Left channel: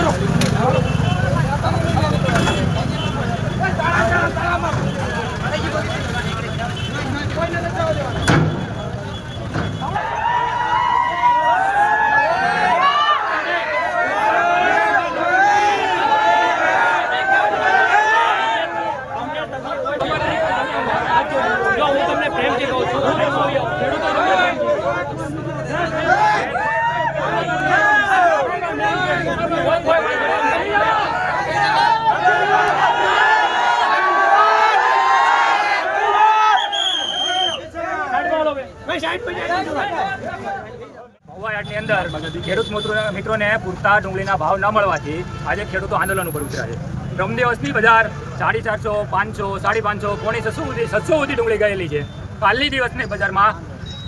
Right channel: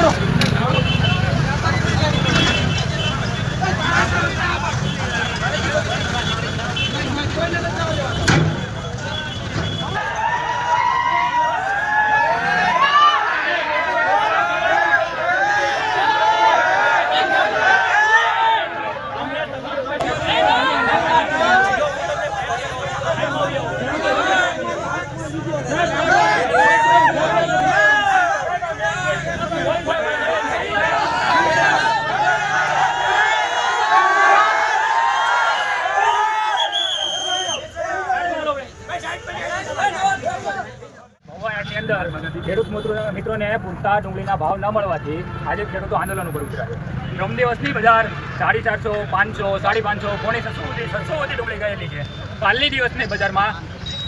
મહુવા અંદર ખેડૂત મિત્રો- મિત્રોને પૂરતા ડુંગળીના ભાવ ન મળવાથી આજે ખેડૂતો આંદોલન ઉપર ઉતર્યા છે. ત્રણ દિવસની બજાર સાડી ચારસો, પાંચસો, સાડી પાંચસો, પોણી છસો સુધી છસો સુધી ડુંગળી ગયેલી છે. કાલની દિવસની બજારમાં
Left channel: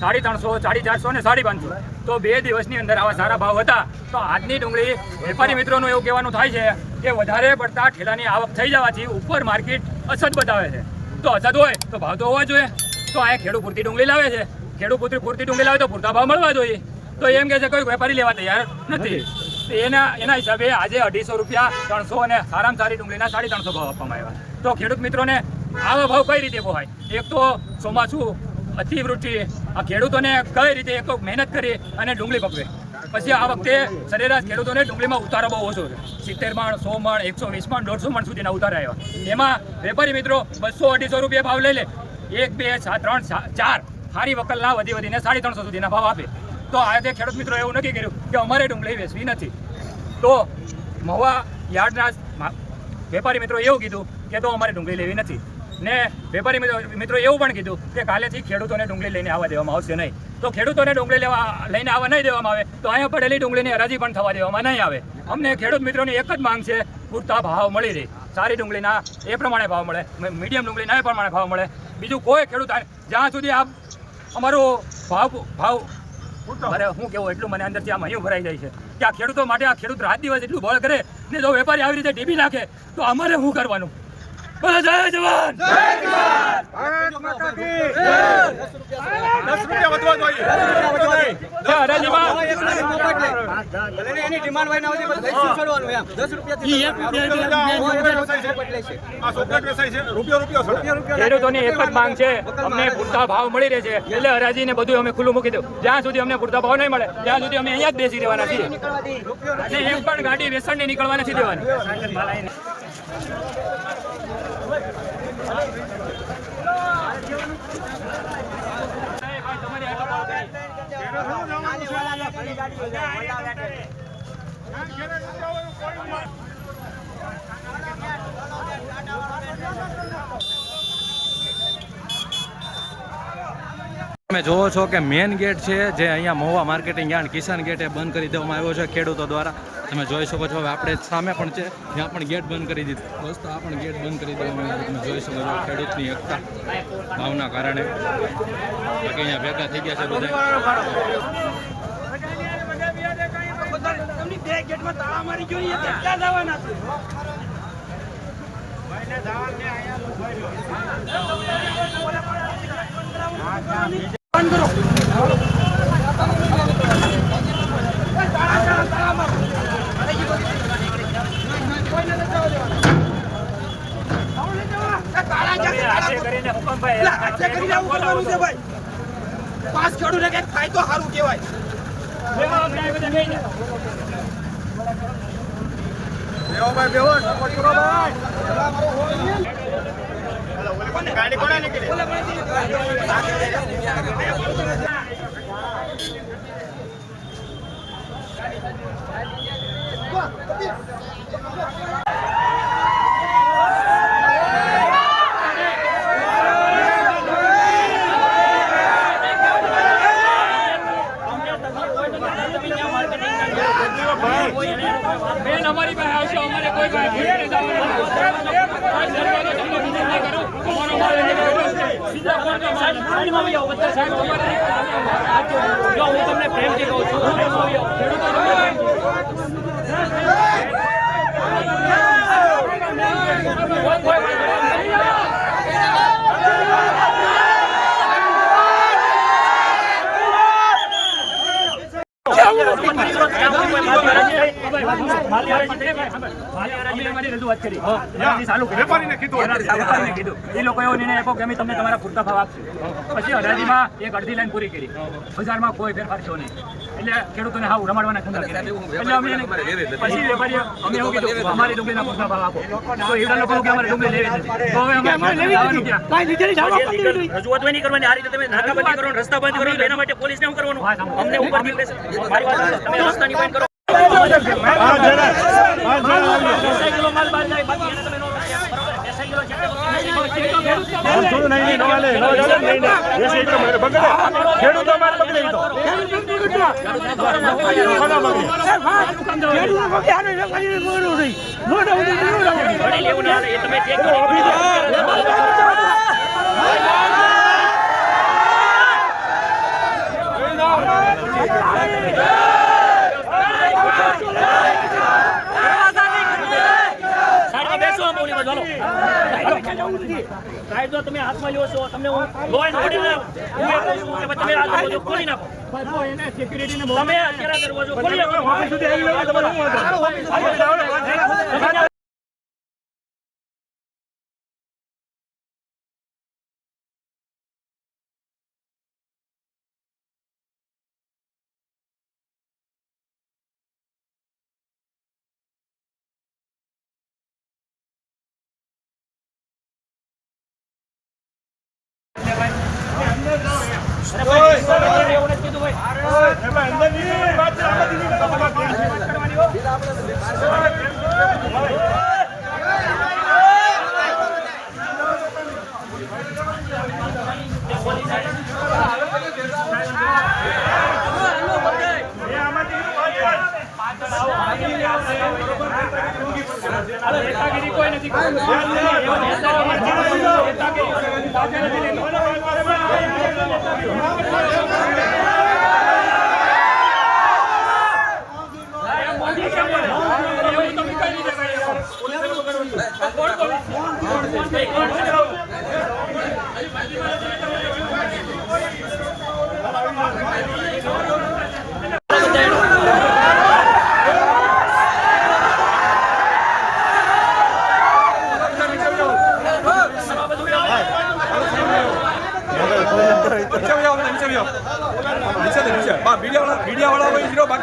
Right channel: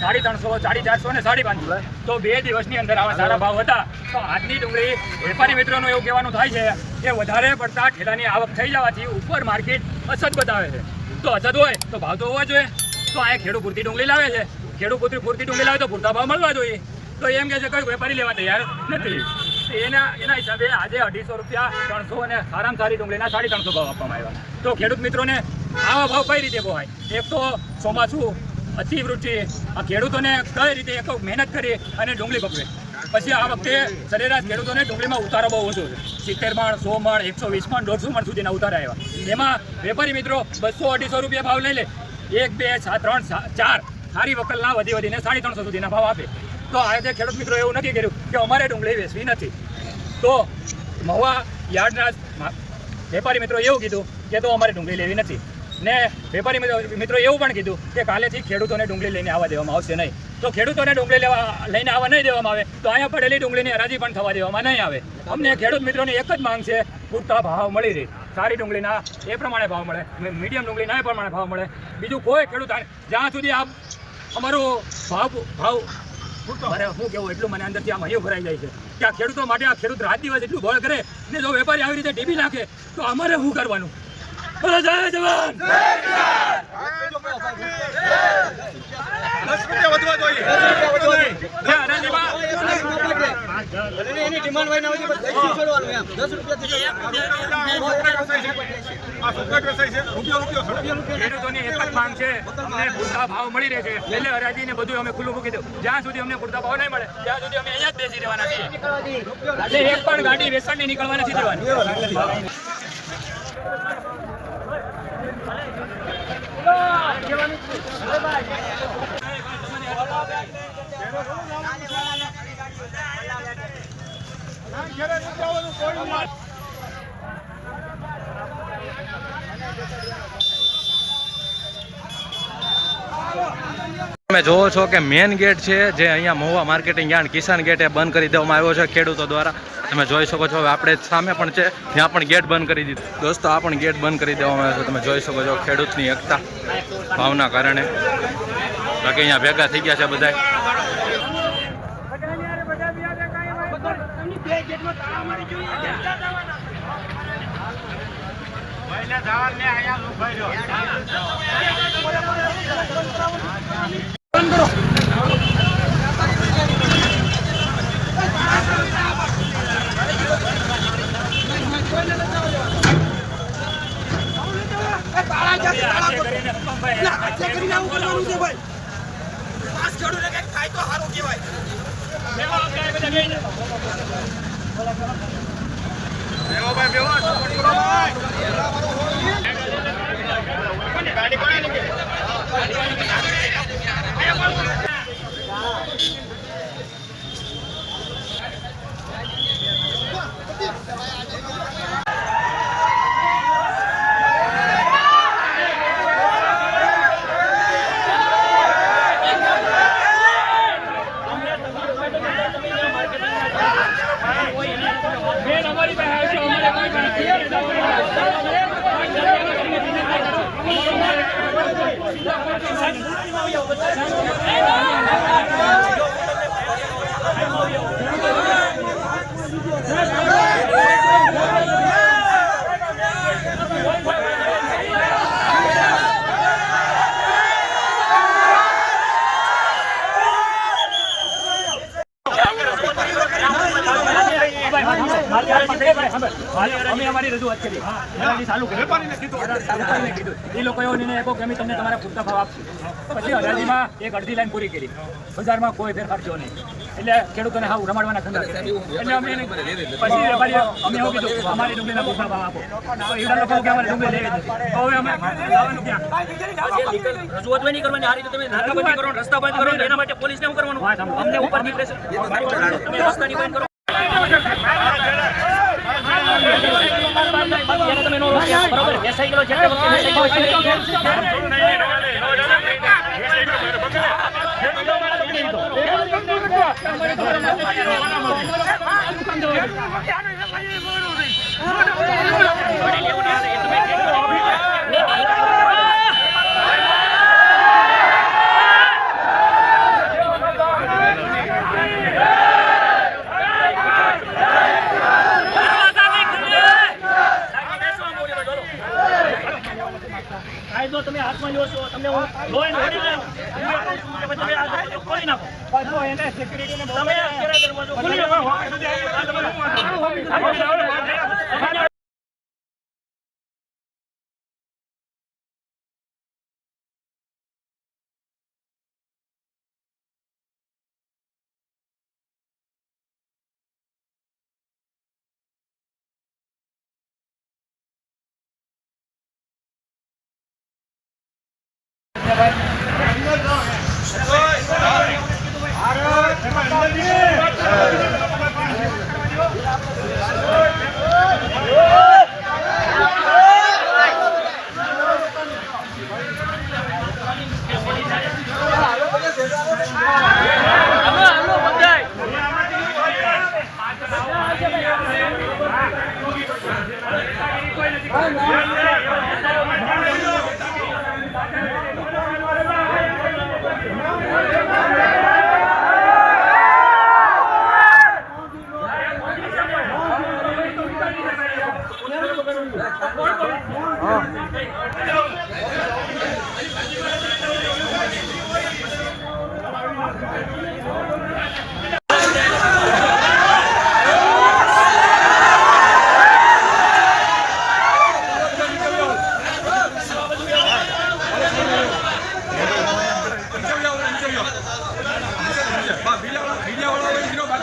સાડી ત્રણસો, સાડી ચારસો અને સાડી પાંચસો. તો બે દિવસની અંદર આવા સારા ભાવ હતા. તો આજની ડુંગળી વેપારી મિત્રોનું એવું કહેવાનું થાય છે કે વધારે પડતા ઠેલાની આવક થઈ જવાથી ઉપર માર્કેટ અસત બતાવે છે. તો અસત હોય તો ભાવ તો હોવો જોઈએ. તો અહીંયા ખેડૂત પૂરતી ડુંગળી લાવે છે. ખેડૂત પૂરતી પૂરતી ડુંગળી લાવે તો પૂરતા ભાવ મળવા જોઈએ. તો એમ કહે છે, કોઈ વેપારી લેવા તૈયાર નથી. એના એના હિસાબે આજે અઢીસો રૂપિયા, ત્રણસો અને સારામાં સારી ડુંગળીના સાડી ત્રણસો ભાવ આપવામાં આવ્યા. તો ખેડૂત મિત્રોને આવા ભાવ કઈ રીતે પોહાય એક તો ચોમાસું અતિવૃષ્ટિ. આ ખેડૂતોને કઈ રીતે એક તો મહેનત કરી અને ડુંગળી પકવે? પછી આ વખતે સરેરાશ ખેડૂતોને ડુંગળીમાં ઉતારો બહુ ઓછો છે. સિત્તેર મણ, સો મણ, એકસો વીસ મણ, દોઢસો મણ સુધીના ઉતારા આવ્યા. એમાં વેપારી મિત્રો બસો અઢીસો રૂપિયા ભાવ લઈ લે. એક, બે ત્રણ ચાર. સારી વકલના વધી વધીને સાડી ત્રણસો સુધીના ભાવ આપે. તો આજે ખેડૂત મિત્રો એવું નક્કી કર્યું કે અમારે ડુંગળી વેચવી નથી. તો મહુવા યાર્ડના વેપારી મિત્રો એવું કીધું કે તો અમારે ડુંગળી લેવી નથી. ને વેપારી મિત્રો એવું પણ કીધું કે કાલેથી ખેડૂતોને ડુંગળી લઈને આવવા દેવામાં આવશે નહીં. તો ખેડૂતોને ડુંગળી લેવા લઈને આવવા નહીં દેવામાં આવે, તો અહીંયા પડેલી ડુંગળીની હરાજી પણ થવા દેવામાં નહીં આવે. અમને ખેડૂત મિત્રોની એક જ માંગ છે, પૂરતા ભાવ મળી રહે. સારી ડુંગળીના એ પ્રમાણે ભાવ મળે મીડિયમ ડુંગળીના એ પ્રમાણે ભાવ મળે. બીજું કોઈ ખેડૂત જ્યાં સુધી આ અમારો ભાવ ભાવ અરે હું કેવું, એટલું મને અંદરથી આ મહિયું ભરાઈ જાય છે. કે આ ખેડૂતો માટે આ ખેડૂત રાત દિવસ એટલું બળ કરે ને જો વેપારી આવી રીતે ડીબી નાખે, તો અમારે શું કરવાનું? બોલો જય જવાન દસ રૂપિયા વધવા જોઈએ એની દસ રૂપિયો રૂપિયો છે ખેડૂતોની એક જ માંગ છે. અમને પૂરતા ભાવ મળી રહે છે. એટલે હરાજી ને બધું અમે ખુલ્લું મૂકી દઉં. જ્યાં સુધી અમને પૂરતા ભાવ નહીં મળે, ત્યાં સુધી અમે અહીંયા જ બેસી રહેવાના છીએ. એક પણ ગાડી વેસણની નીકળવા નથી દેવાની. તમે જોવો છો કે મેન ગેટ છે જે અહીંયા Mahuva marketing yard Kisan gate એ બંધ કરી દેવામાં આવ્યો છે ખેડૂતો દ્વારા. તમે જોઈ શકો છો હવે આપણે સામે પણ છે, ત્યાં પણ ગેટ બંધ કરી દીધું. દોસ્તો, આ પણ ગેટ બંધ કરી દેવામાં આવ્યો છે. તમે જોઈ શકો છો ખેડૂતની એકતા, ભાવના કારણે. બાકી અહીંયા ભેગા થઈ ગયા છે બધા ખેડૂતને કંઈક થાય તો સારું કહેવાય બેહો ભાઈ બેહો સપોર્ટ કરો ભાઈ ગાડી કોને નીકળી અમારી પાસે આવશે અમારે કોઈ પણ અમારો માલ સીધા પડતો માલ સાઈડમાં આવો બધા સાઈડમાં આવો. જો હું તમને પ્રેમથી કહું છું અમારી રજૂઆત કરી. હરાજી ચાલુ કરી વેપારીને કીધું વેપારીને કીધું. એ લોકોએ એવો નિર્ણય આપ્યો કે અમે તમને તમારા પૂરતા ભાવ આપશું. પછી હરાજીમાં એક અડધી લાઈન પૂરી કરી. બજારમાં કોઈ ફેરફાર થયો નહીં. એટલે ખેડૂતોને હાવ રમાડવાના ધંધા એટલે અમે પછી વેપારીઓ અમે એવું કીધું અમારી ડુંગળીના પૂરતા ભાવ આપો. તો એવડા લોકો કે અમારે ડુંગળી લેવી નથી. તો હવે અમે લાવવાનું ક્યાં રજૂઆત નહીં કરવાની. આ રીતે તમે નાકાબંધી કરો રસ્તા બંધ કરો એના માટે પોલીસને શું કરવાનું? અમને ઉપરથી pressure. મારી વાત સાંભળો. તમે રસ્તાની બંધ કરો. ખેડૂતો મારે પકડી લીધો ઘડી લેવું ને હાલે. એ તમે check કરો. સાઈડમાં બેસો આમ ઓલી બાજુ, હાલો. કાયદો તમે હાથમાં લ્યો છો તમને હું લો એન્ડ હું એ કહું છું કે તમે આ દરવાજો ખોલી નાખો. તમે અત્યારે દરવાજો ખોલી નાખો. ઓફિસ સુધી આવી ગયો તમારે બરોબર. કોઈ નથી હું વાંધો? તમારે હાલો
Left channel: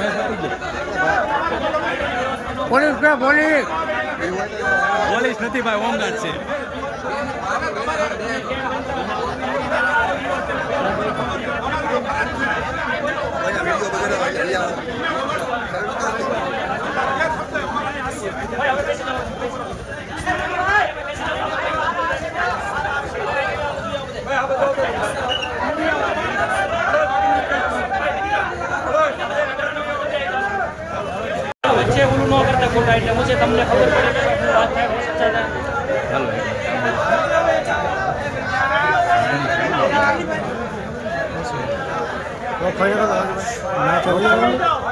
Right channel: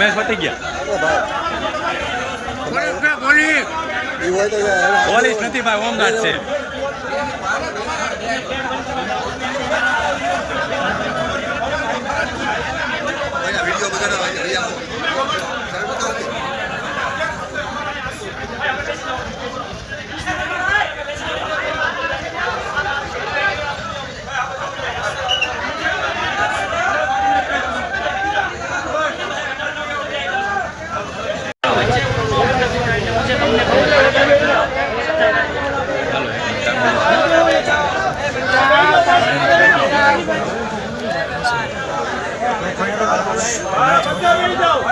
તમે પતી ગયા. પોલીસ નથી ભાઈ હોમગાર્ડ છે. હાલો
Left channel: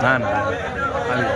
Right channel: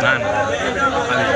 ના ના આવી